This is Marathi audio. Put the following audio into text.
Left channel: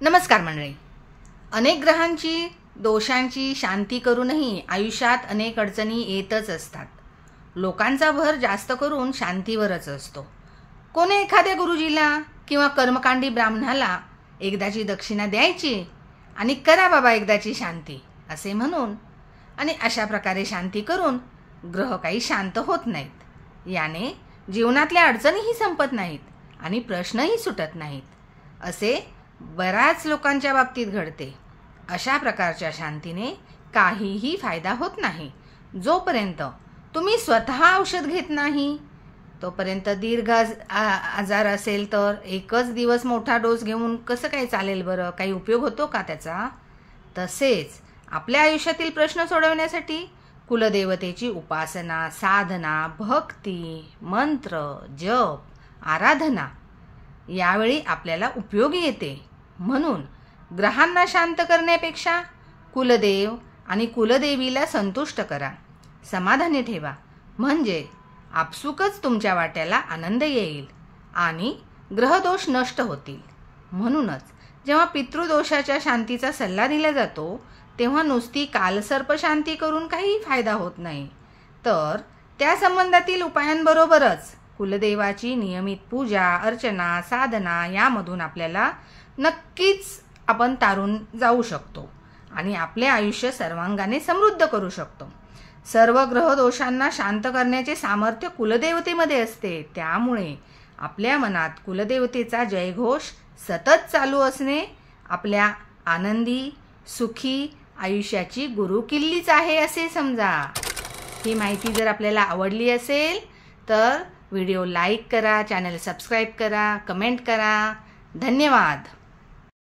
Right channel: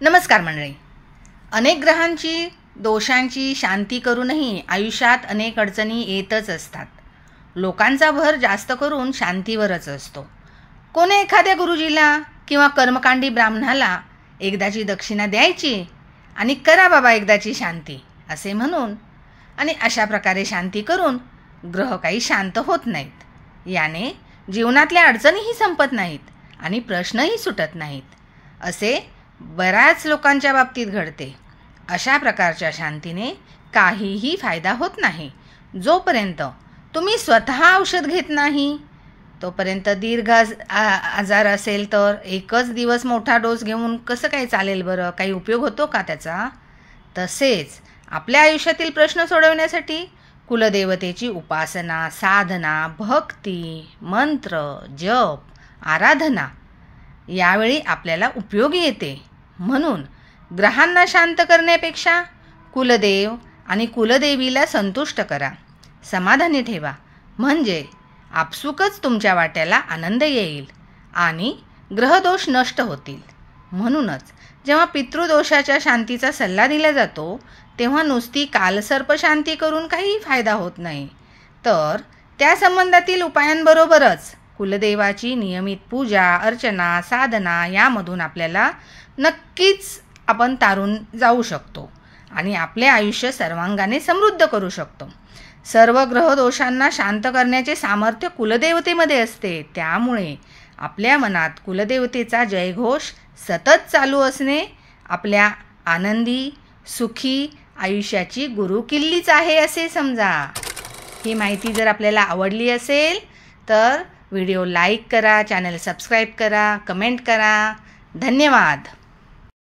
नमस्कार मंडळी. अनेक ग्रहांची दोषांची शांती करूनही आयुष्यात अनेक अडचणी येतच असतात. लोकांचा भर जास्त करून शांतीवरच असतो. कोणी एखाद्या गुरुजीला किंवा कर्मकांडी ब्राह्मणाला एकदाची दक्षिणा द्यायची आणि करा बाबा एकदाची शांती असे म्हणून, आणि अशा प्रकारे शांती करून ग्रह काही शांत होत नाहीत. याने जीवनातल्या अडचणीही संपत नाहीत आणि प्रश्नही सुटत नाहीत. असे बऱ्याच लोकांच्या बाबतीत घडते. अशा प्रकारच्या शांतीने काहीही फायदा होत नाही. जोपर्यंत तुम्ही स्वतः औषध घेत नाही तोपर्यंत दीर्घ आजार असेल तर एकच दिवस मोठा डोस घेऊन कसं काही चालेल बरं? काही उपयोग होतो का त्याचा? तसेच आपल्या आयुष्यातील प्रश्न सोडवण्यासाठी कुलदेवतेची उपासना, साधना, भक्ती, मंत्र, जप, आराधना यावेळी आपल्याला उपयोगी येते. म्हणून ग्रहांना शांत करण्यापेक्षा कुलदेव आणि कुलदेवीला संतुष्ट करा, समाधानी ठेवा. म्हणजे आपसुकच तुमच्या वाट्याला आनंद येईल आणि ग्रहदोष नष्ट होतील. म्हणूनच जेव्हा पितृदोषाच्या शांतीचा सल्ला दिला जातो तेव्हा नुसती कालसर्प शांती करून काही फायदा होत नाही, तर त्या संबंधातील उपायांबरोबरच कुलदेवाची नियमित पूजा, अर्चना, साधना यामधून आपल्याला नक्कीच आपण तारून जाऊ शकतो आणि आपले आयुष्य सर्वांगाने समृद्ध करू शकतो. सर्व ग्रह दोषांना शांत करण्याचे सामर्थ्य कुलदेवतेमध्ये असते. त्यामुळे आपल्या मनात कुलदेवतेचा जयघोष सतत चालू असणे आपल्या आनंदी सुखी आयुष्याची गुरुकिल्लीच आहे असे समजा. ही माहिती जर आपल्याला आवडली असेल तर व्हिडिओ लाईक करा, चॅनल सबस्क्राईब करा, कमेंट करा. धन्यवाद.